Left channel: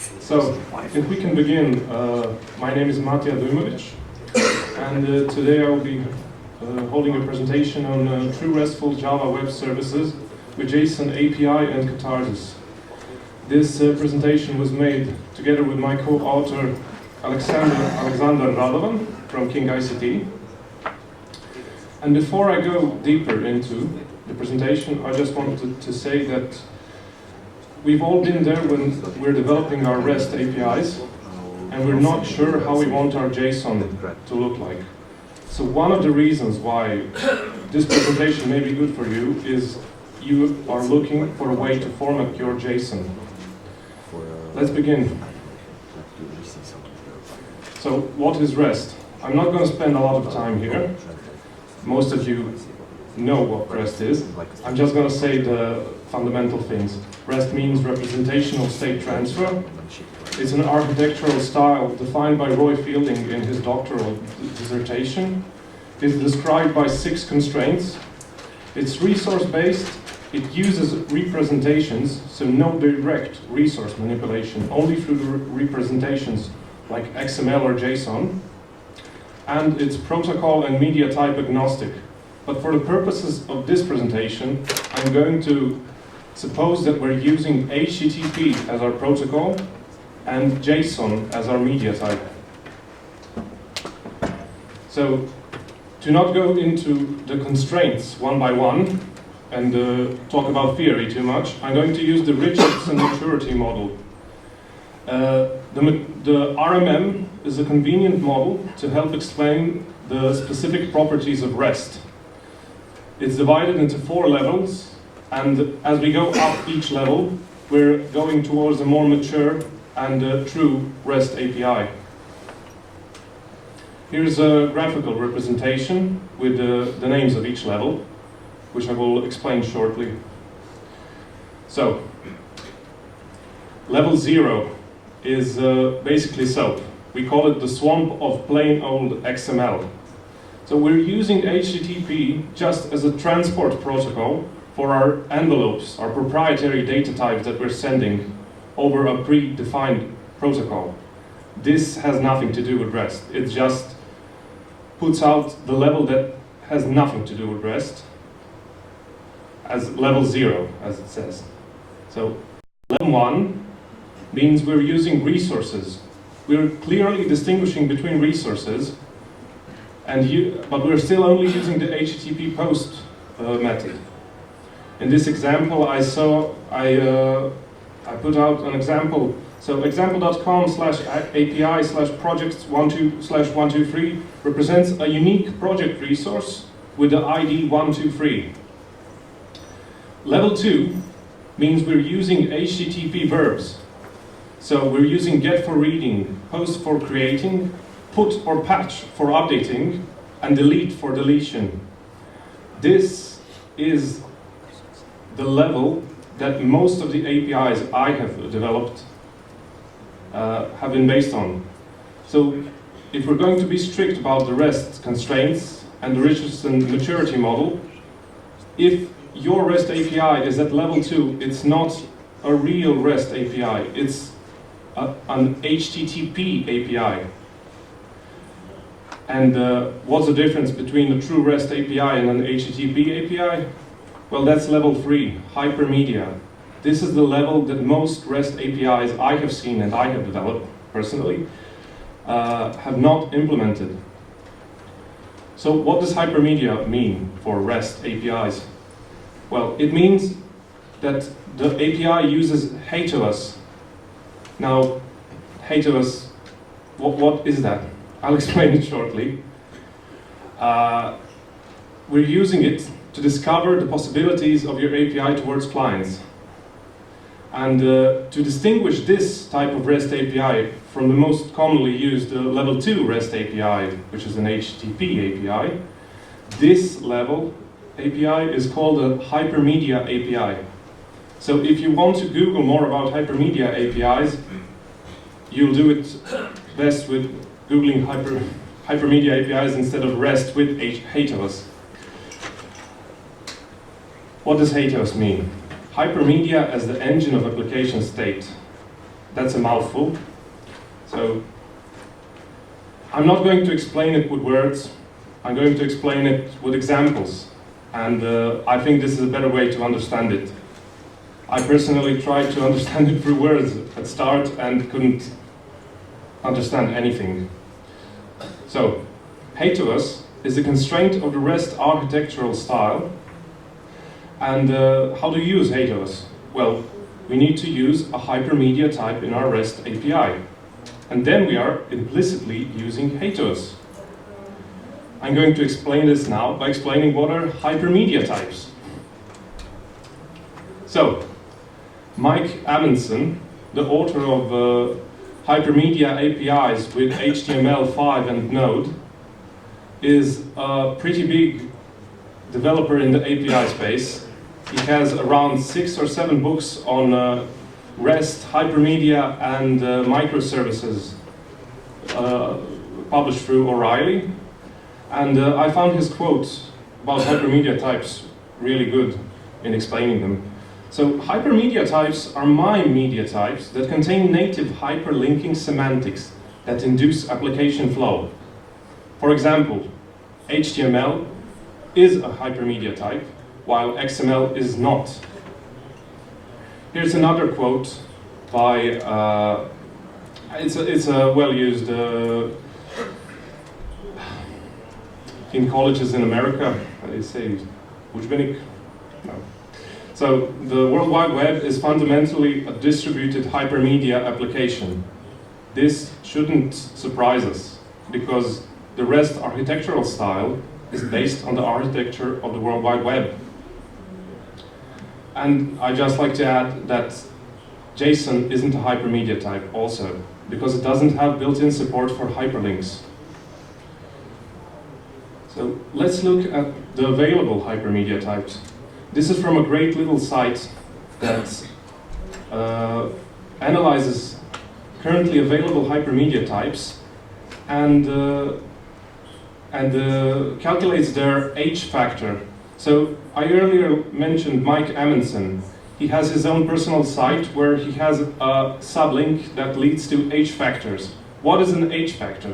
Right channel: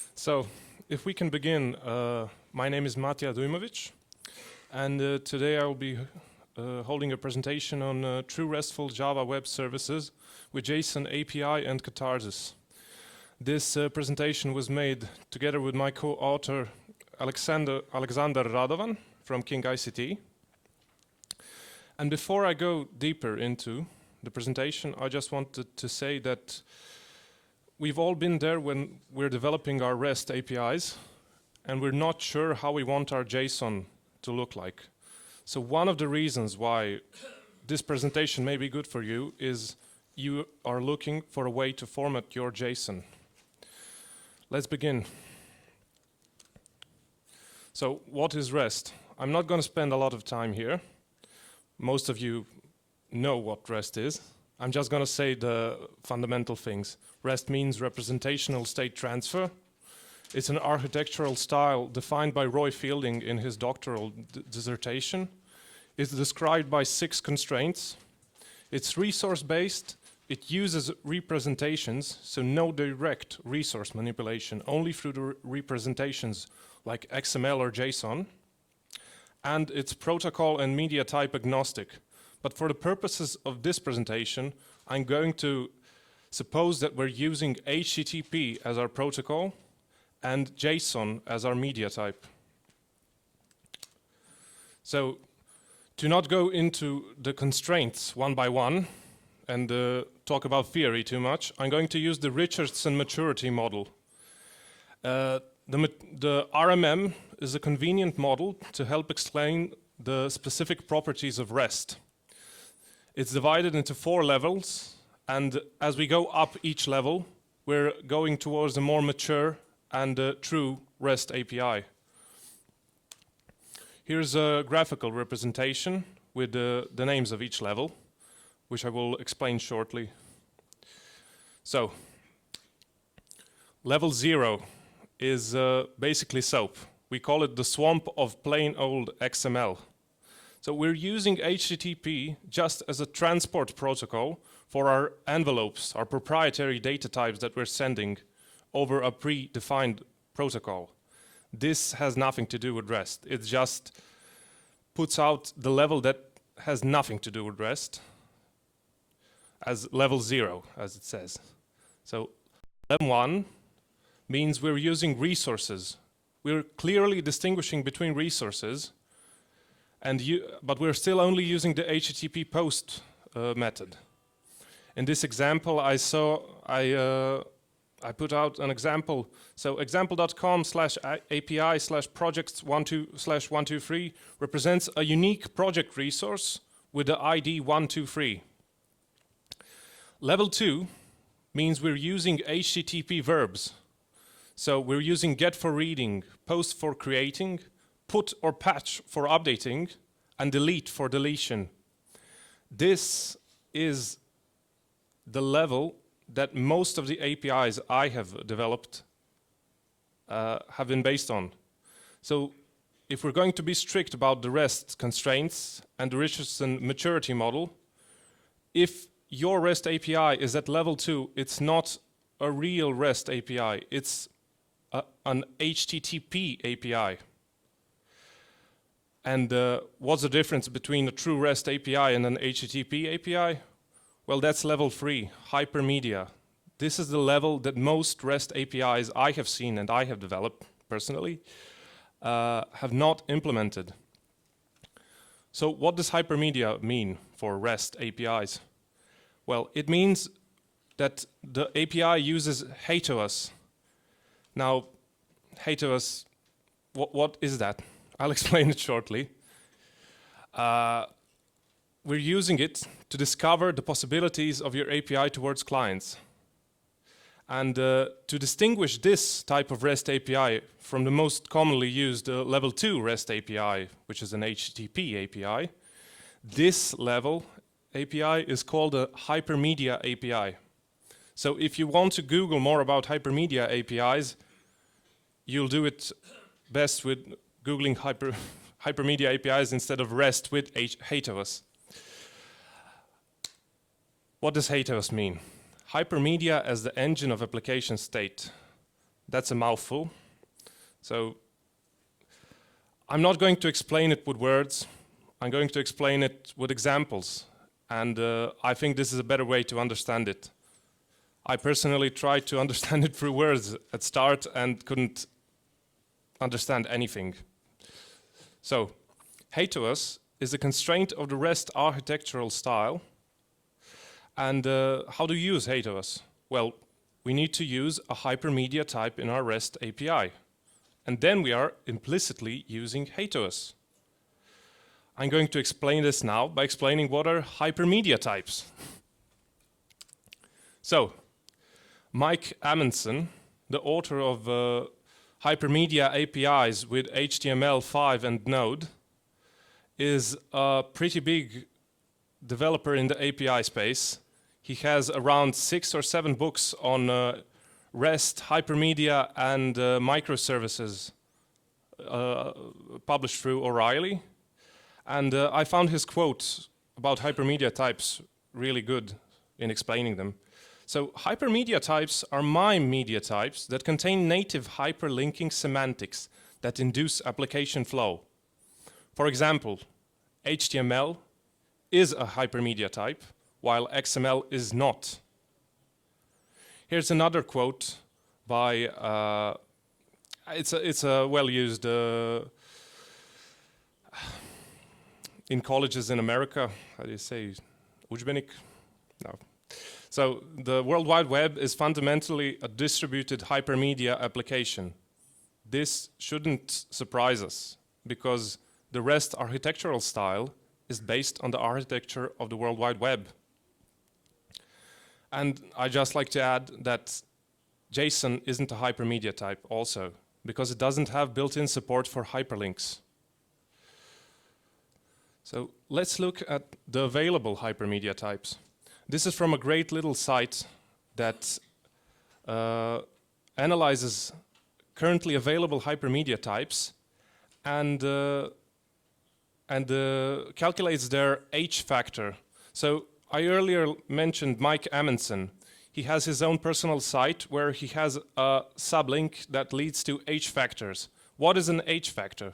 So, if we can begin, my name is Matija Dujmović, and today I will be holding a presentation on true RESTful Java web services with JSON API and Katharsis. This presentation was made together with my co-author Alexander Radovan from King ICT. And before I go deeper into the presentation, I just wanted to say that we've all been there when we're developing our REST APIs, and we're not sure how we want our JSON to look like. So one of the reasons why this presentation may be good for you is you are looking for a way to format your JSON. Let's begin. So what is REST? I'm not going to spend a lot of time here. Most of you know what REST is. I'm just going to say the fundamental things. REST means representational state transfer. It's an architectural style defined by Roy Fielding in his doctoral dissertation. It's described by 6 constraints. It's resource-based. It uses representations, so no direct resource manipulation, only through the representations like XML or JSON. And it's protocol and media type agnostic. But for the purposes of this presentation, I'm going to suppose that we're using HTTP as our protocol and JSON as our media type. So, to not go into the constraints one by one and talk about theory too much, I'm going to use the Richardson maturity model. The RMM is a convenient model to help explain the specific properties of REST. It's divided into 4 levels, and as we go up each level, we're going towards a more mature and true REST API. Here's a graphical representation with the names of each level, which I will explain shortly. So, level 0 is basically SOAP. We call it the swamp of plain old XML. So we're using HTTP just as a transport protocol for our envelopes, our proprietary data types that we're sending over a predefined protocol. This has nothing to do with REST. It just puts out the level that has nothing to do with REST as level 0, as it says. So level 1 means we're using resources. We're clearly distinguishing between resources, but we're still only using the HTTP post method. In this example, I put out an example. So example.com/API/projects12/123 represents a unique project resource with the ID 123. Level 2 means we're using HTTP verbs. So we're using get for reading, post for creating, put or patch for updating, and delete for deletion. This is the level that most of the APIs I have developed have been based on. So if we're going to be strict about the REST constraints and the Richardson maturity model, if your REST API is at level 2, it's not a real REST API, it's an HTTP API. And what's the difference between a true REST API and an HTTP API? Well, that's level 3, hypermedia. This is the level that most REST APIs I have seen and I have developed personally have not implemented. So what does hypermedia mean for REST APIs? Well, it means that the API uses HTOS. Now, HTOS, what is that? I'll explain it shortly. We're using it to discover the possibilities of your API towards clients. And to distinguish this type of REST API from the most commonly used level 2 REST API, which is an HTTP API, this level API is called a hypermedia API. So if you want to Google more about hypermedia APIs, you'll do it best with Googling hypermedia APIs instead of REST with HTOS. What does HTOS mean? Hypermedia as the engine of application state. That's a mouthful. So I'm not going to explain it with words. I'm going to explain it with examples. And I think this is a better way to understand it. I personally tried to understand it through words at start and couldn't understand anything. So, HEITOS is a constraint of the REST architectural style. And how do you use HEITOS? Well, we need to use a hypermedia type in our REST API. And then we are implicitly using HEITOS. I'm going to explain this now by explaining what are hypermedia types. So, Mike Amundsen, the author of Hypermedia APIs with HTML5 and Node, is a pretty big developer in the API space. He has around 6 or 7 books on REST, hypermedia, and microservices published through O'Reilly. And I found his quotes about hypermedia types really good in explaining them. So hypermedia types are MIME media types that contain native hyperlinking semantics that induce application flow. For example, HTML is a hypermedia type, while XML is not. Here's another quote by, it's a well-used in colleges in America, they say Dujmović. No. So the World Wide Web is fundamentally a distributed hypermedia application. This shouldn't surprise us, because the REST architectural style is based on the architecture of the World Wide Web. And I'd just like to add that JSON isn't a hypermedia type also, because it doesn't have built-in support for hyperlinks. So let's look at the available hypermedia types. This is from a great little site that analyzes currently available hypermedia types and calculates their H factor. So I earlier mentioned Mike Amundsen. He has his own personal site where he has a sublink that leads to H factors. What is an H factor?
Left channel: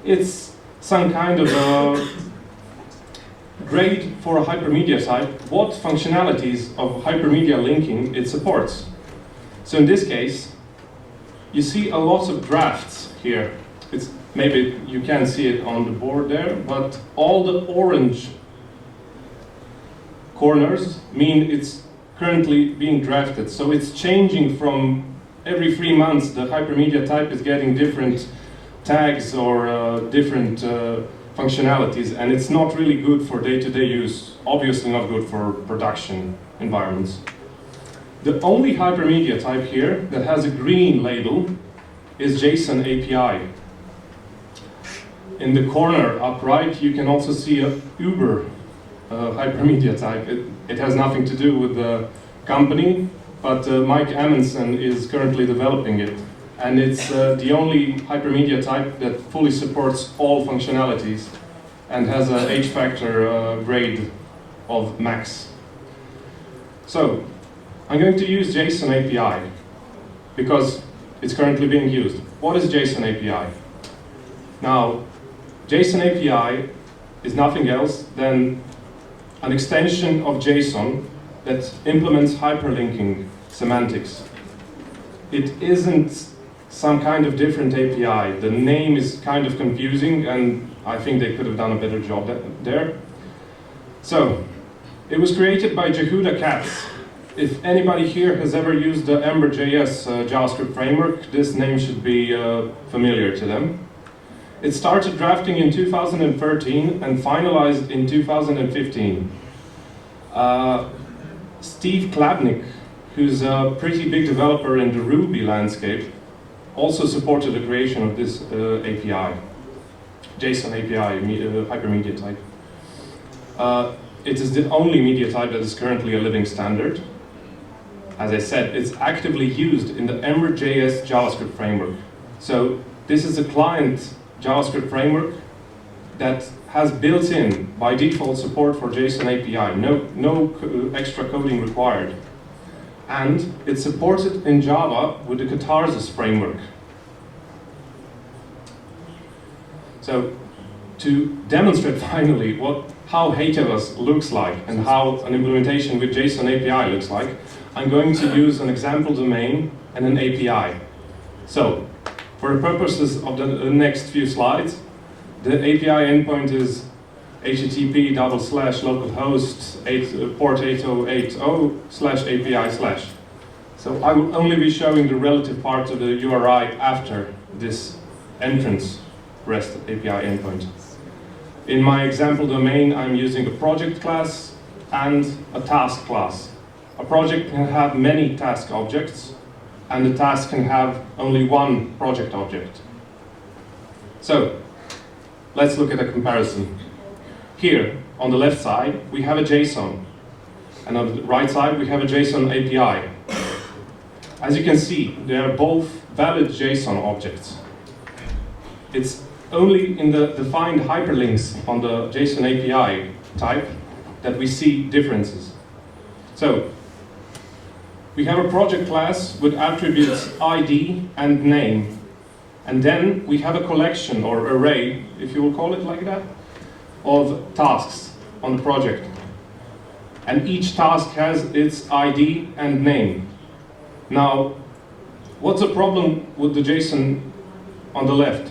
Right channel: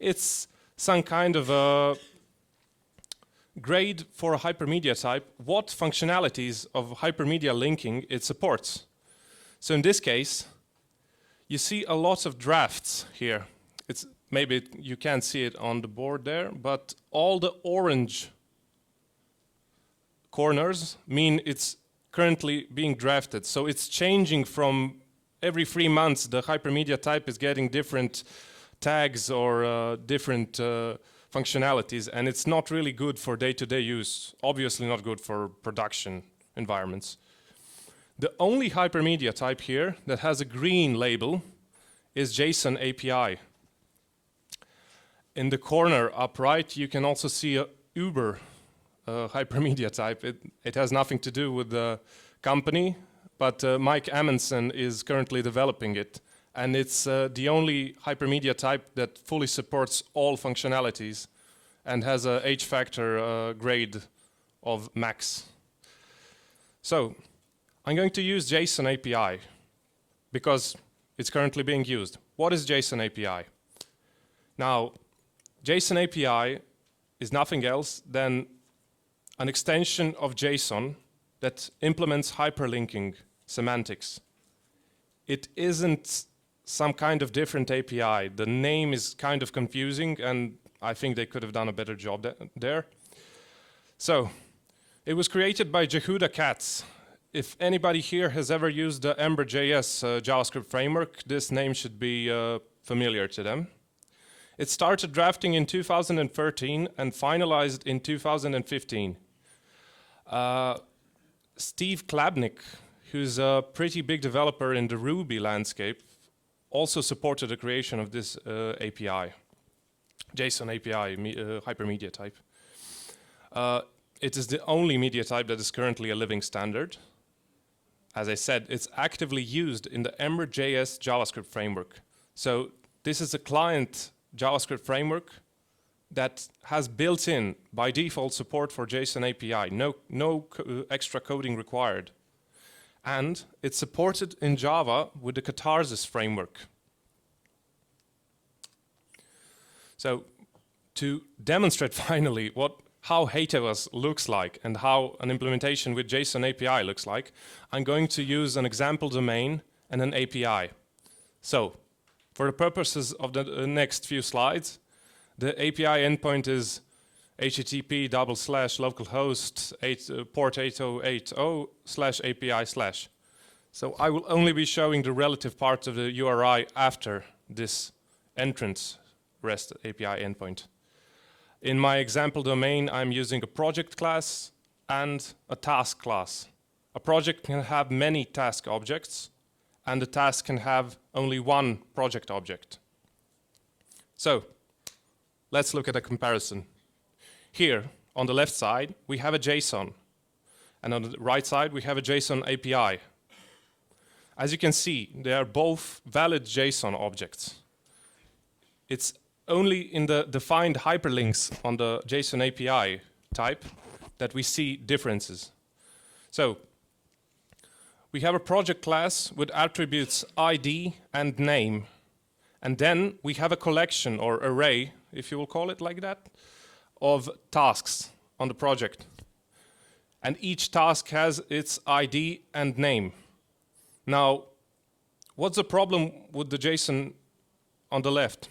It's some kind of grade for a hypermedia type, what functionalities of hypermedia linking it supports. So in this case, you see a lot of drafts here. Maybe you can't see it on the board there, but all the orange corners mean it's currently being drafted. So it's changing from every 3 months. The hypermedia type is getting different tags or different functionalities, and it's not really good for day-to-day use, obviously not good for production environments. The only hypermedia type here that has a green label is JSON API. In the corner up right, you can also see a Uber hypermedia type. It has nothing to do with the company, but Mike Amundsen is currently developing it. And it's the only hypermedia type that fully supports all functionalities and has a H factor grade of max. So I'm going to use JSON API because it's currently being used. What is JSON API? Now, JSON API is nothing else than an extension of JSON that implements hyperlinking semantics. It isn't some kind of different API. The name is kind of confusing, and I think they could have done a better job there. So, it was created by Jehuda Katz. If anybody here has ever used the Ember.js JavaScript framework, this name should be familiar to them. It started drafting in 2013 and finalized in 2015. Steve Klapnik, who's a pretty big developer in the Ruby landscape, also supported the creation of this API, JSON API, hypermedia type. It is the only media type that is currently a living standard. As I said, it's actively used in the Ember.js JavaScript framework. So this is a client JavaScript framework that has built-in, by default, support for JSON API. No extra coding required. and it's supported in Java with the Katharsis framework. So, to demonstrate finally how HTML looks like and how an implementation with JSON API looks like, I'm going to use an example domain and an API. So, for the purposes of the next few slides, the API endpoint is http://localhost port 8080/API/. So I will only be showing the relative part of the URI after this entrance REST API endpoint. In my example domain, I'm using a project class and a task class. A project can have many task objects, and the task can have only one project object. So, let's look at a comparison. Here, on the left side, we have a JSON, and on the right side, we have a JSON API. As you can see, they are both valid JSON objects. It's only in the defined hyperlinks on the JSON API type that we see differences. So, we have a project class with attributes ID and name. And then we have a collection or array, if you will call it like that, of tasks on the project. And each task has its ID and name. Now, what's the problem with the JSON on the left?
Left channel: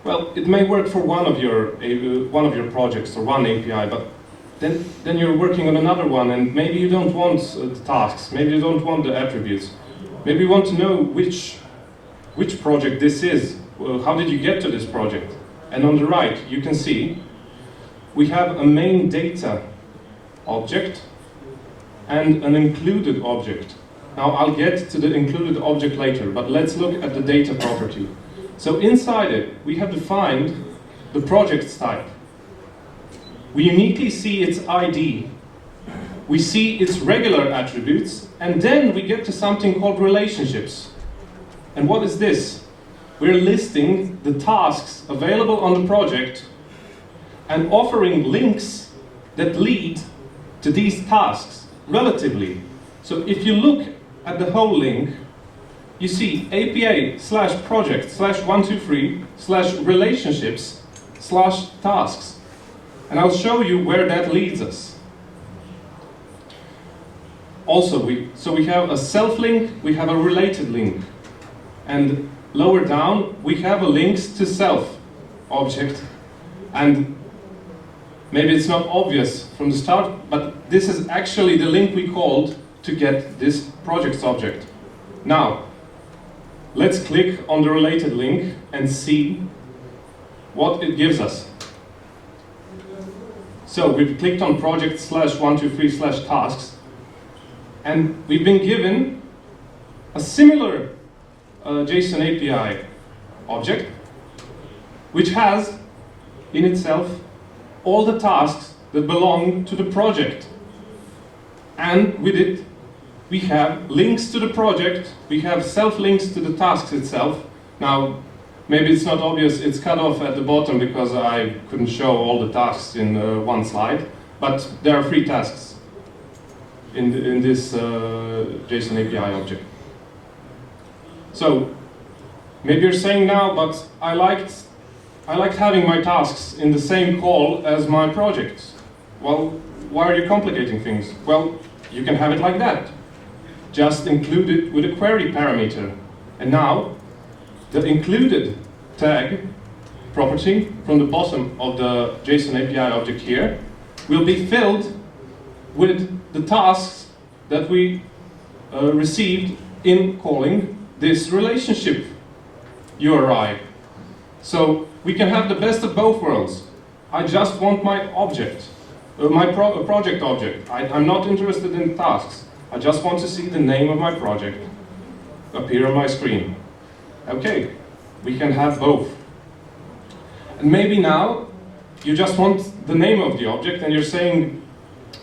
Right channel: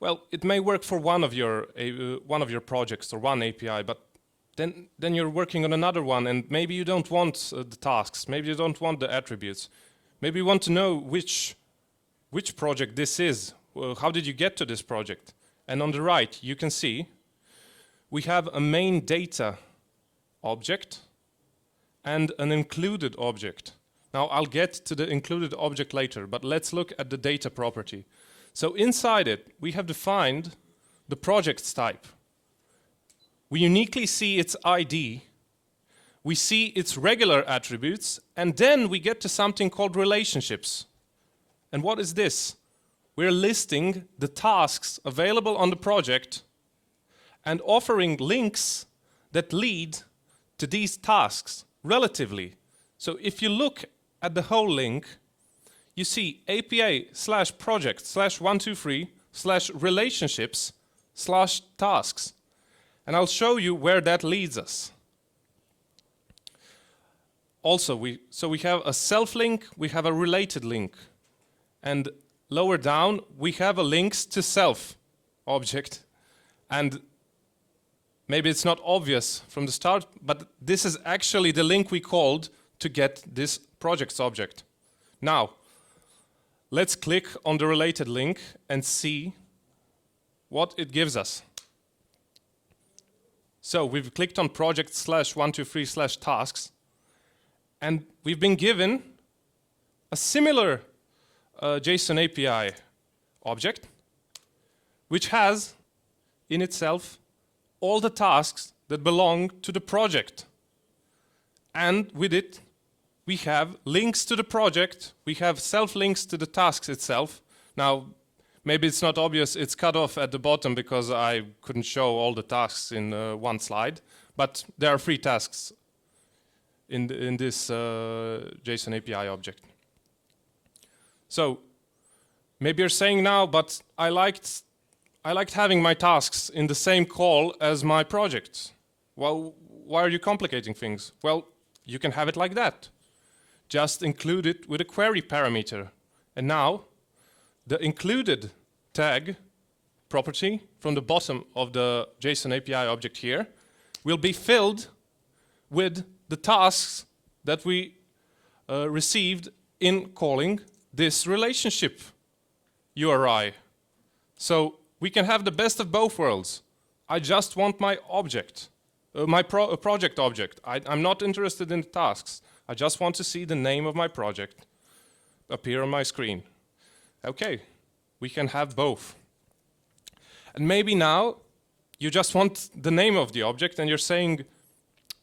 Well, it may work for one of your projects or one API, but then you're working on another one, and maybe you don't want the tasks, maybe you don't want the attributes. Maybe you want to know which project this is. Well, how did you get to this project? And on the right, you can see we have a main data object and an included object. Now, I'll get to the included object later, but let's look at the data property. So inside it, we have defined the project's type. We uniquely see its ID, we see its regular attributes, and then we get to something called relationships. And what is this? We're listing the tasks available on the project and offering links that lead to these tasks relatively. So if you look at the whole link, you see APA/project/123/relationships/tasks. And I'll show you where that leads us. Also, we have a self-link, we have a related link. And lower down, we have a links to self object. And maybe it's not obvious from the start, but this is actually the link we called to get this project's object. Now, let's click on the related link and see what it gives us. So we've clicked on project/123/tasks, and we've been given a similar JSON API object, which has in itself all the tasks that belong to the project. And with it, we have links to the project, we have self-links to the tasks itself. Now, maybe it's not obvious, it's cut off at the bottom because I couldn't show all the tasks in one slide, but there are 3 tasks in this JSON API object. So, maybe you're saying now, but I liked having my tasks in the same call as my project. Well, why are you complicating things? Well, you can have it like that. Just include it with a query parameter. And now, the included tag property from the bottom of the JSON API object here will be filled with the tasks that we received in calling this relationship URI. So we can have the best of both worlds. I just want my object, project object. I'm not interested in tasks. I just want to see the name of my project appear on my screen. Okay, we can have both. And maybe now you just want the name of the object and you're saying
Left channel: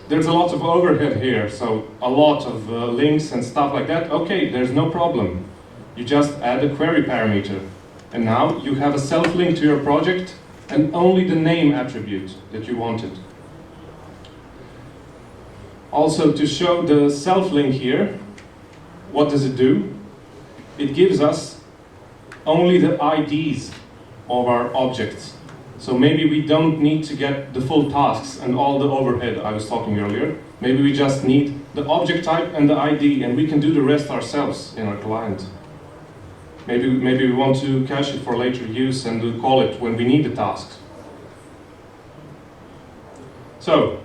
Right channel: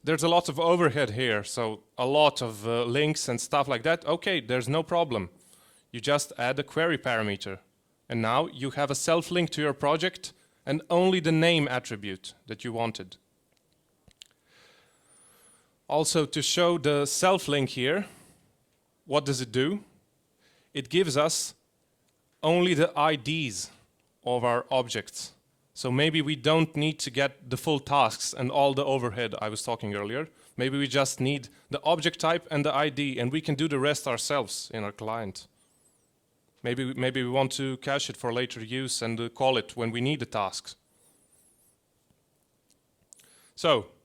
there's a lot of overhead here, so a lot of links and stuff like that. Okay, there's no problem. You just add a query parameter. And now you have a self-link to your project and only the name attribute that you wanted. Also, to show the self-link here, what does it do? It gives us only the IDs of our objects. So maybe we don't need to get the full tasks and all the overhead I was talking earlier. Maybe we just need the object type and the ID, and we can do the rest ourselves in our client. Maybe we want to cache it for later use and call it when we need the task. So,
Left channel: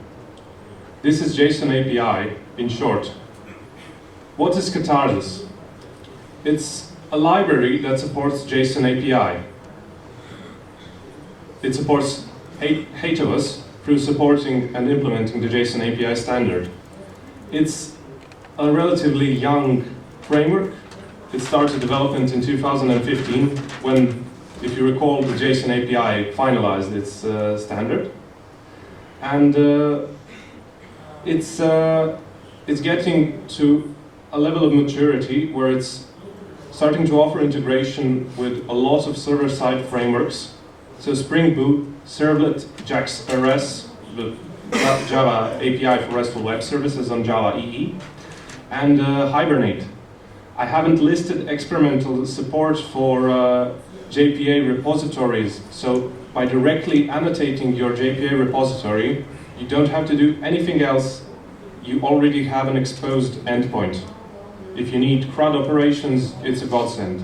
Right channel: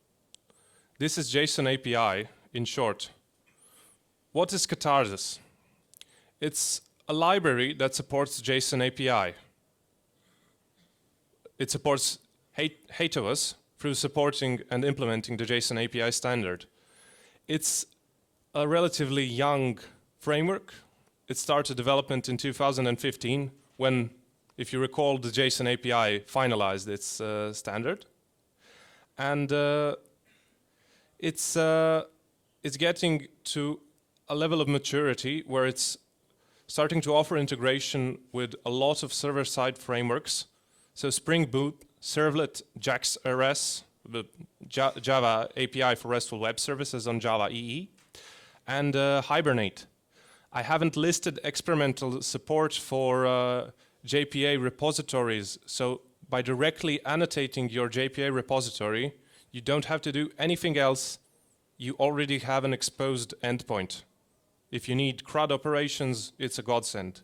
this is JSON API in short. What is Katharsis? It's a library that supports JSON API. It supports 8 of us through supporting and implementing the JSON API standard. It's a relatively young framework. It started development in 2015 when, if you recall, the JSON API finalized its standard. And it's getting to a level of maturity where it's starting to offer integration with a lot of server-side frameworks. So Spring Boot, Servlet, JAX-RS, the Java API for RESTful web services on Java EE, and Hibernate. I haven't listed experimental support for JPA repositories, so by directly annotating your JPA repository, you don't have to do anything else. You already have an exposed endpoint. If you need CRUD operations, it's a godsend.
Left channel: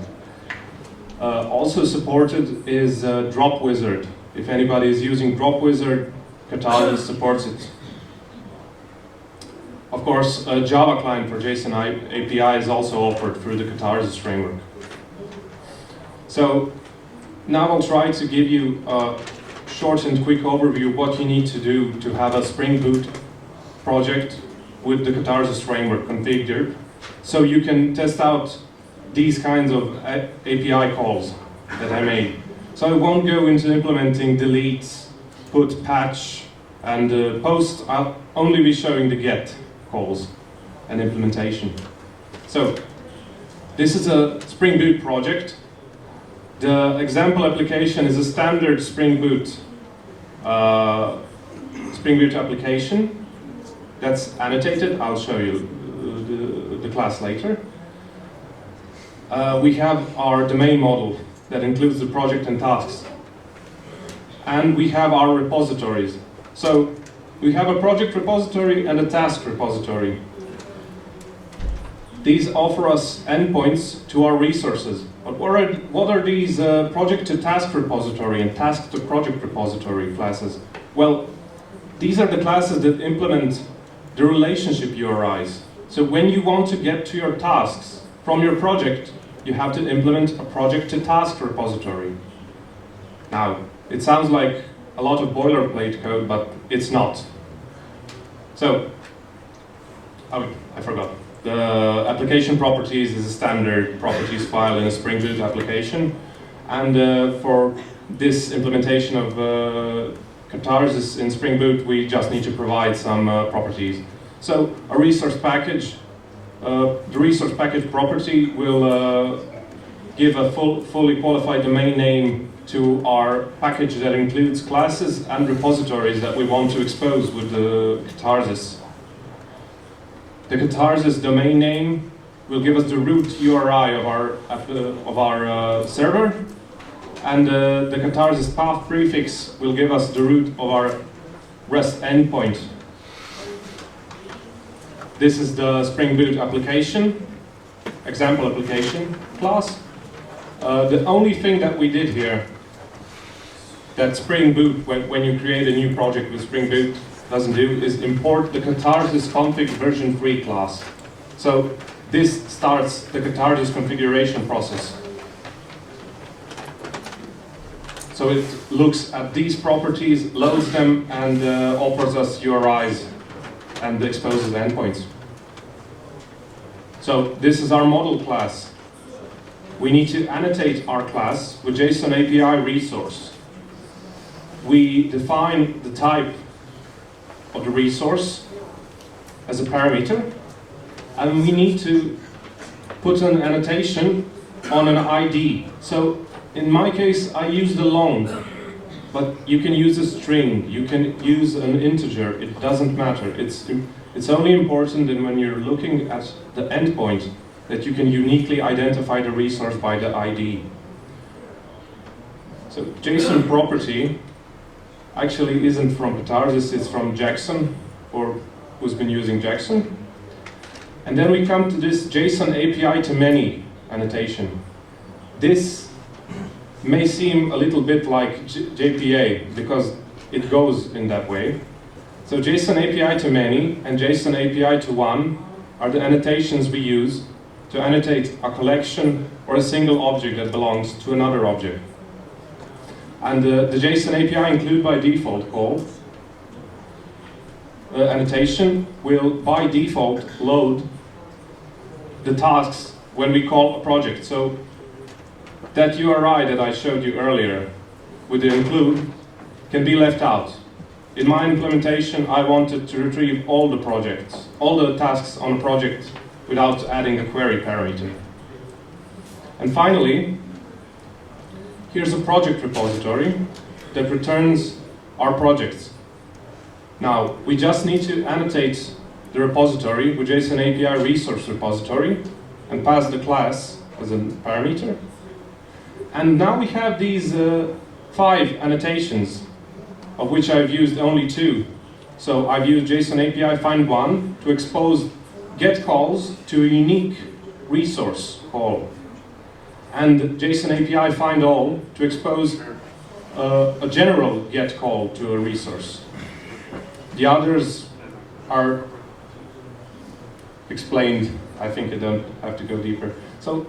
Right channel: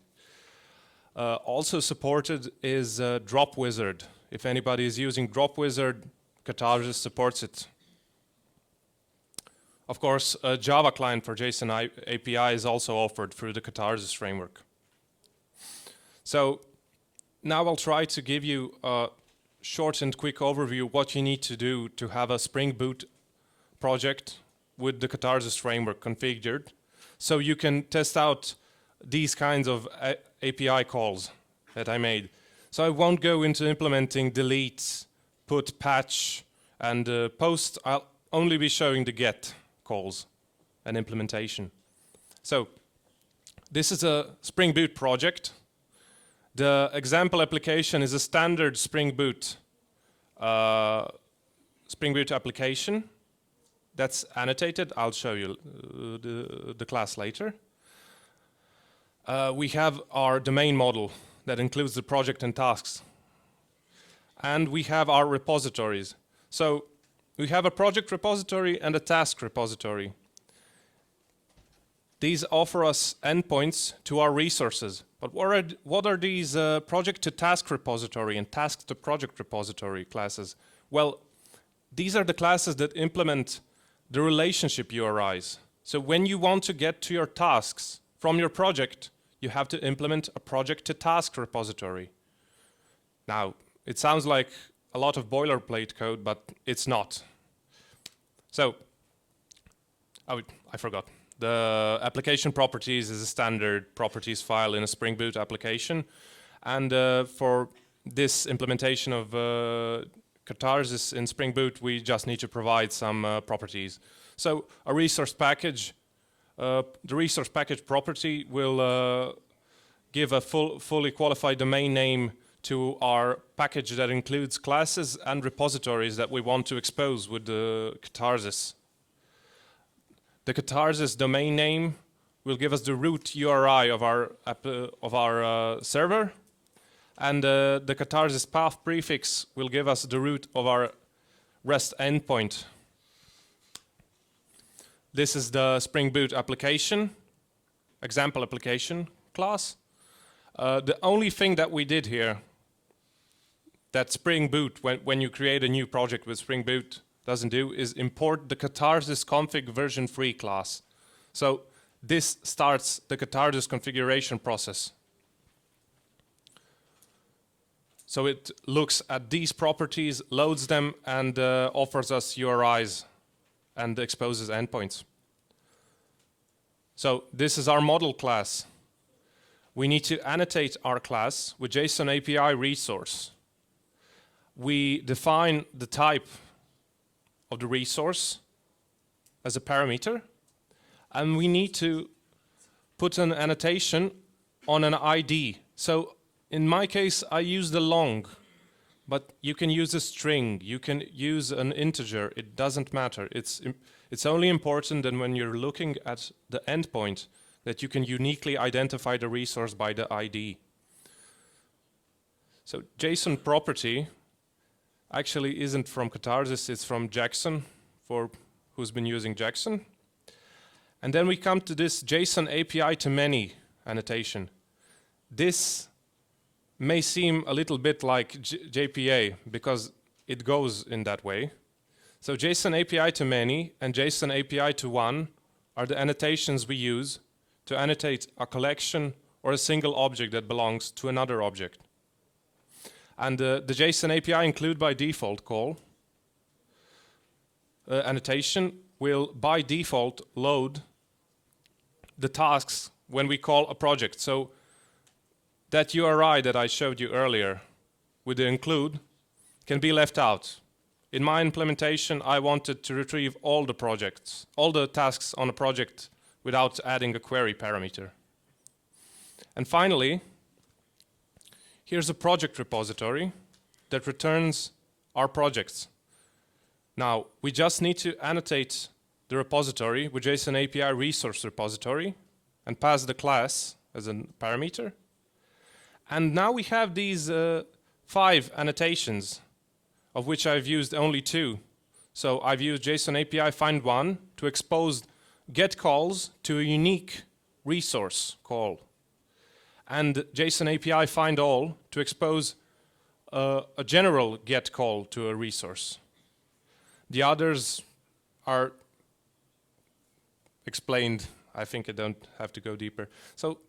Also supported is Drop Wizard. If anybody is using Drop Wizard, Katharsis supports it. Of course, a Java client for JSON API is also offered through the Katharsis framework. So now I'll try to give you a short and quick overview of what you need to do to have a Spring Boot project with the Katharsis framework configured, so you can test out these kinds of API calls that I made. So I won't go into implementing delete, put, patch, and post. I'll only be showing the get calls and implementation. So this is a Spring Boot project. The example application is a standard Spring Boot application that's annotated. I'll show you the class later. We have our domain model that includes the project and tasks. And we have our repositories. So we have a project repository and a task repository. These offer us endpoints to our resources. But what are these project to task repository and task to project repository classes? Well, these are the classes that implement the relationship URIs. So when you want to get to your tasks from your project, you have to implement a project to task repository. Now, it sounds like a lot of boilerplate code, but it's not. So, I forgot. The application properties is a standard properties file in a Spring Boot application. And for this implementation of Katharsis in Spring Boot, we just need to provide some properties. So, a resource package. The resource package property will give a fully qualified domain name to our package that includes classes and repositories that we want to expose with the Katharsis. The Katharsis domain name will give us the root URI of our server, and the Katharsis path prefix will give us the root of our REST endpoint. This is the Spring Boot application, example application class. The only thing that we did here that Spring Boot, when you create a new project with Spring Boot, doesn't do is import the Katharsis config version 3 class. So this starts the Katharsis configuration process. So it looks at these properties, loads them, and offers us URIs and exposes endpoints. So this is our model class. We need to annotate our class with JSON API resource. We define the type of the resource as a parameter, and we need to put an annotation on an ID. So in my case, I use the long, but you can use a string, you can use an integer, it doesn't matter. It's only important that when you're looking at the endpoint, that you can uniquely identify the resource by the ID. So JSON property actually isn't from Katharsis, it's from Jackson, or who's been using Jackson. And then we come to this JSON API to many annotation. This may seem a little bit like JPA, because it goes in that way. So JSON API to many and JSON API to one are the annotations we use to annotate a collection or a single object that belongs to another object. And the JSON API include by default call. The annotation will by default load the tasks when we call a project. So that URI that I showed you earlier with the include can be left out. In my implementation, I wanted to retrieve all the projects, all the tasks on a project without adding a query parameter. And finally, here's the project repository that returns our projects. Now, we just need to annotate the repository with JSON API resource repository and pass the class as a parameter. And now we have these 5 annotations, of which I've used only 2. So I've used JSON API find one to expose get calls to a unique resource call, and JSON API find all to expose a general get call to a resource. The others are explained. I think I don't have to go deeper. So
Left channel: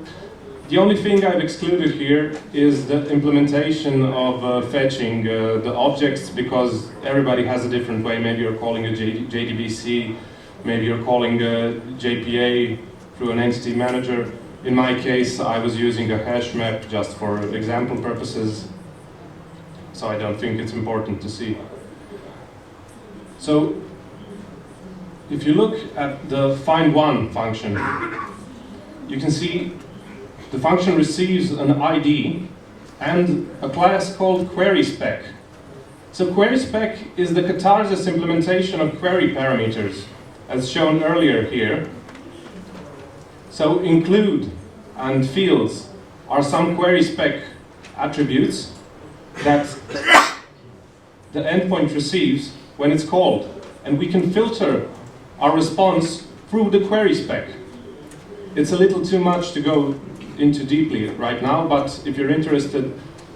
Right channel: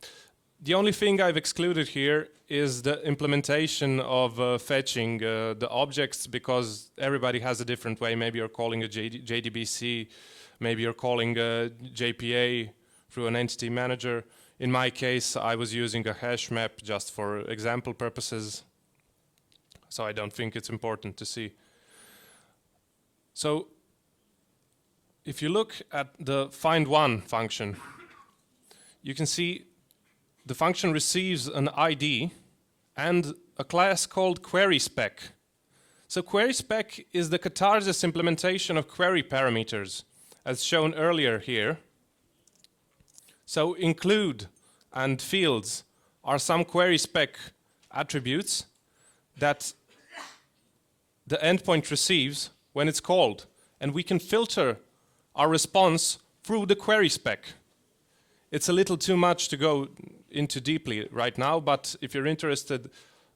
the only thing I've excluded here is the implementation of fetching the objects, because everybody has a different way. Maybe you're calling a JDBC, maybe you're calling a JPA through an entity manager. In my case, I was using a hash map just for example purposes, so I don't think it's important to see. So if you look at the find one function, you can see the function receives an ID and a class called querySpec. So querySpec is the Katharsis implementation of query parameters, as shown earlier here. So include and fields are some querySpec attributes that the endpoint receives when it's called, and we can filter our response through the querySpec. It's a little too much to go into deeply right now, but if you're interested,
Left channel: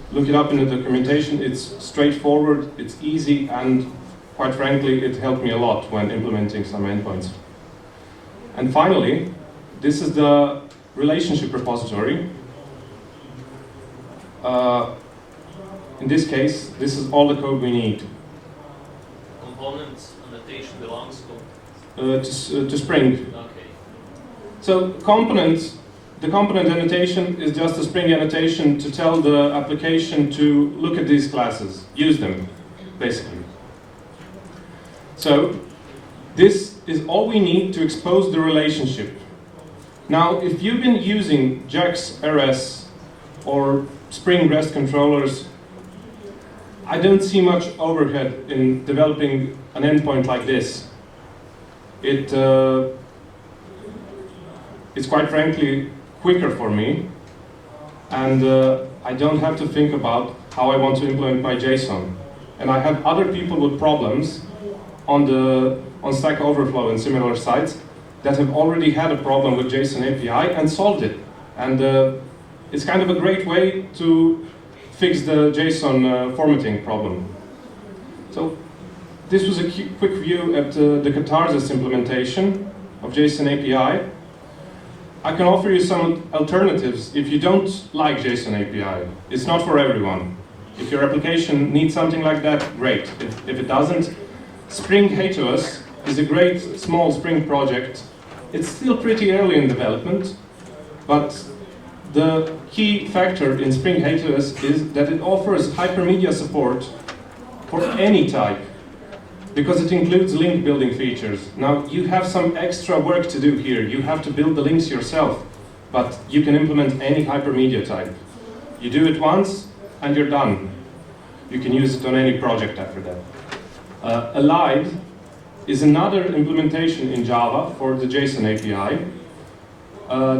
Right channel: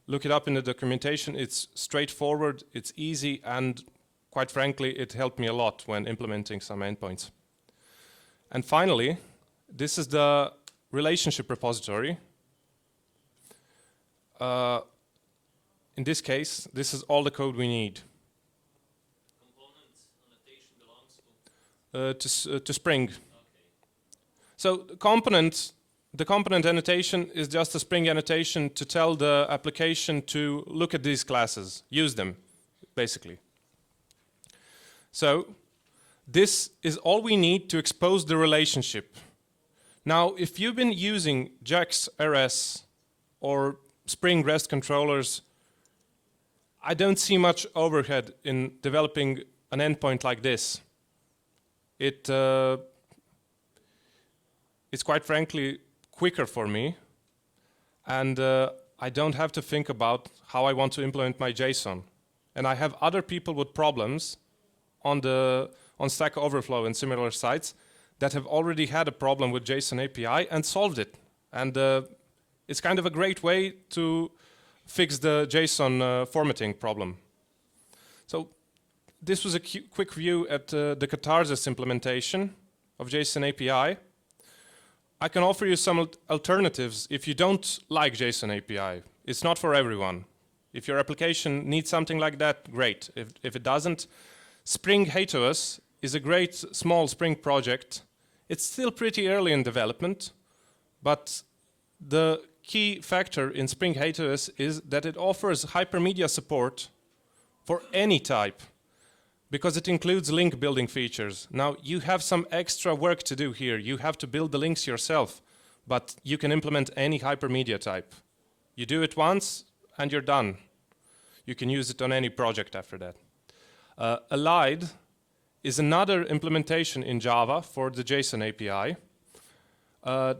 look it up in the documentation. It's straightforward, it's easy, and quite frankly, it helped me a lot when implementing some endpoints. And finally, this is the relationship repository. In this case, this is all the code we need. Components annotation belongs to Spring. Okay. So the component annotation is just a Spring annotation to tell the application to look at these classes, use them, basically. So this is all we need to expose the relationship. Now, if you've been using JAX RS or Spring REST controllers, I don't see much overhead in developing an endpoint like this. It is quite frankly quicker for me, and I don't have to think about how I want to implement my JSON. And I have other people with problems on Stack Overflow and similar sites that have already had a problem with JSON API and solved it. And it's kind of a great way to fix the JSON formatting problem. So this was a quick view at the Katharsis implementation of JSON API. I can offer you some alternatives if you don't like JSON API. It's not for everyone. If your application needs something like that, great. If it doesn't, Spring NEOS is a great small Spring project. It's still pretty early in development, but the key factor in Spring NEOS is that it offers hypermedia support for any type, because it includes link building features. Now, you have some extra work to do here. You have to build the links yourself, but you can implement any hypermedia type. You do it once, and you're done. You can use it on any project after that. Elide is another implementation in Java for the JSON API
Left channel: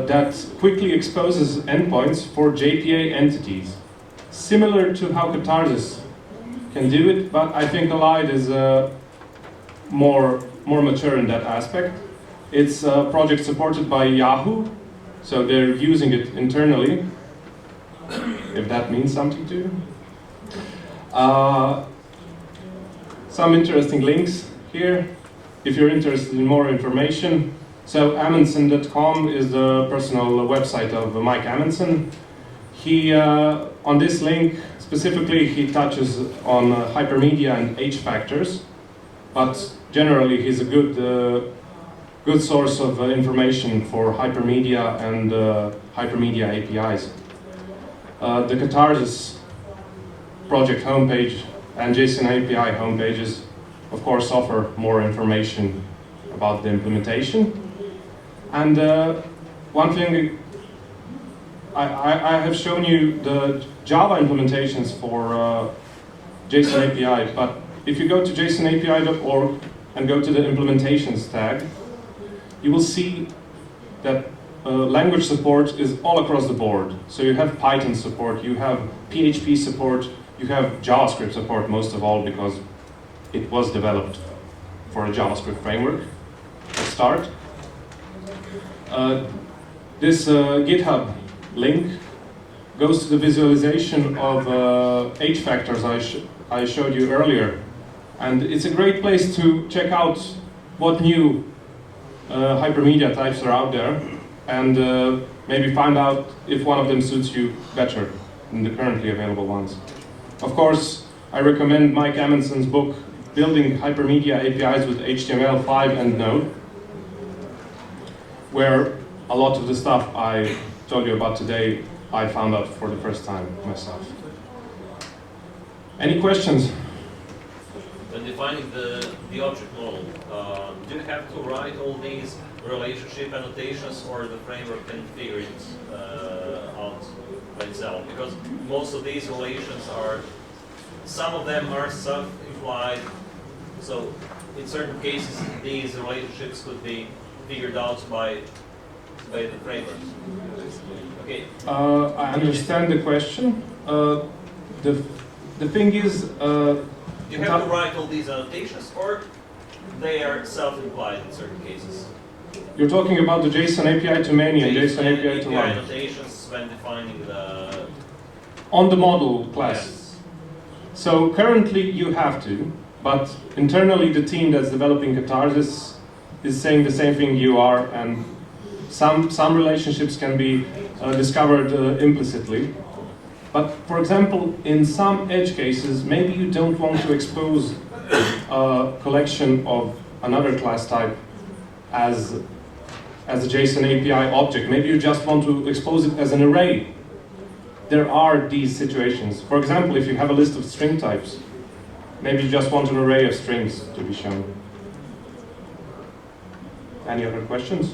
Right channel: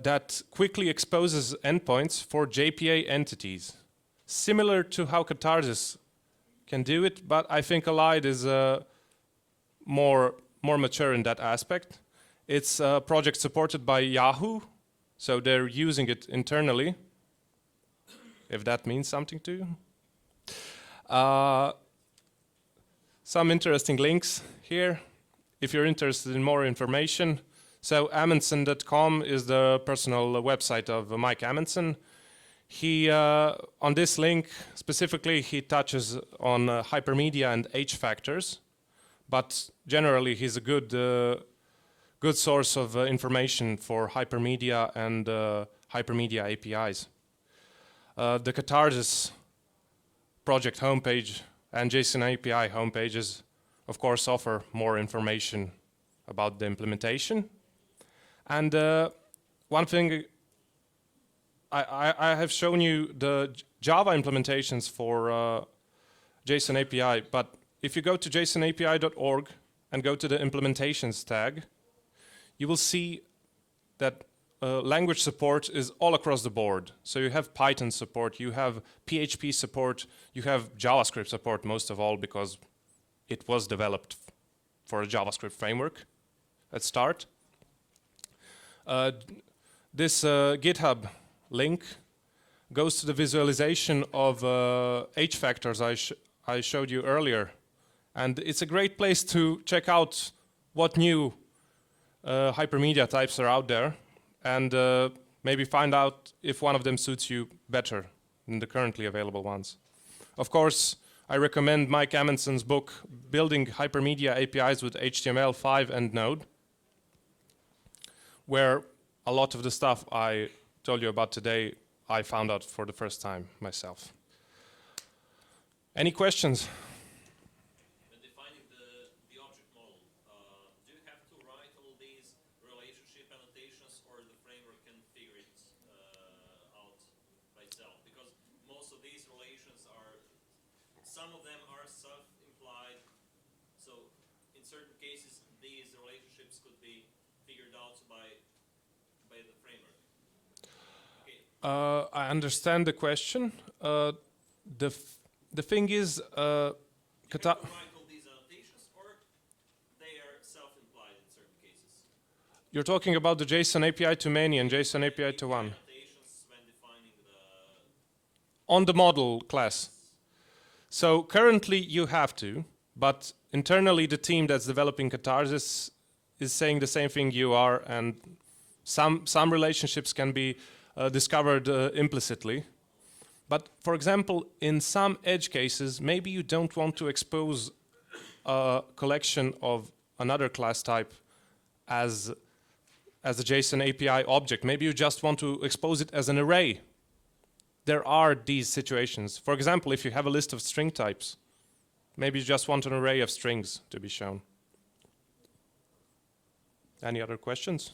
that quickly exposes endpoints for JPA entities. Similar to how Katharsis can do it, but I think Elide is more mature in that aspect. It's a project supported by Yahoo, so they're using it internally, if that means something to you. Some interesting links here, if you're interested in more information. So Amundsen.com is the personal website of Mike Amundsen. He, on this link, specifically, he touches on hypermedia and H factors, but generally he's a good source of information for hypermedia and hypermedia APIs. The Katharsis project homepage and JSON API homepages, of course, offer more information about the implementation. And one thing, I have shown you the Java implementations for JSON API, but if you go to jasonapi.org and go to the implementations tag, you will see that language support is all across the board. So you have Python support, you have PHP support, you have JavaScript support most of all because it was developed for a JavaScript framework to start. This GitHub link goes to the visualization of H factors I showed you earlier. And it's a great place to check out what new hypermedia types are out there and maybe find out if one of them suits you better than the currently available ones. Of course, I recommend Mike Amundsen's book, Building Hypermedia APIs with HTML5 and Node, where a lot of the stuff I told you about today, I found out for the first time myself. Any questions? When defining the object model, do you have to write all these relationship annotations, or the framework can figure it out by itself? Because most of these relations are, some of them are self-implied, so in certain cases these relationships could be figured out by the framework. Okay. I understand the question. The thing is, you have to write all these annotations, or they are self-implied in certain cases? You're talking about the JSON API to many and JSON API to one. Annotations when defining the... On the model class. Yes. So currently you have to, but internally the team that's developing Katharsis is saying the same thing you are, and some relationships can be discovered implicitly. But for example, in some edge cases, maybe you don't want to expose a collection of another class type as a JSON API object. Maybe you just want to expose it as an array. There are these situations. For example, if you have a list of string types, maybe you just want an array of strings to be shown. Any other questions?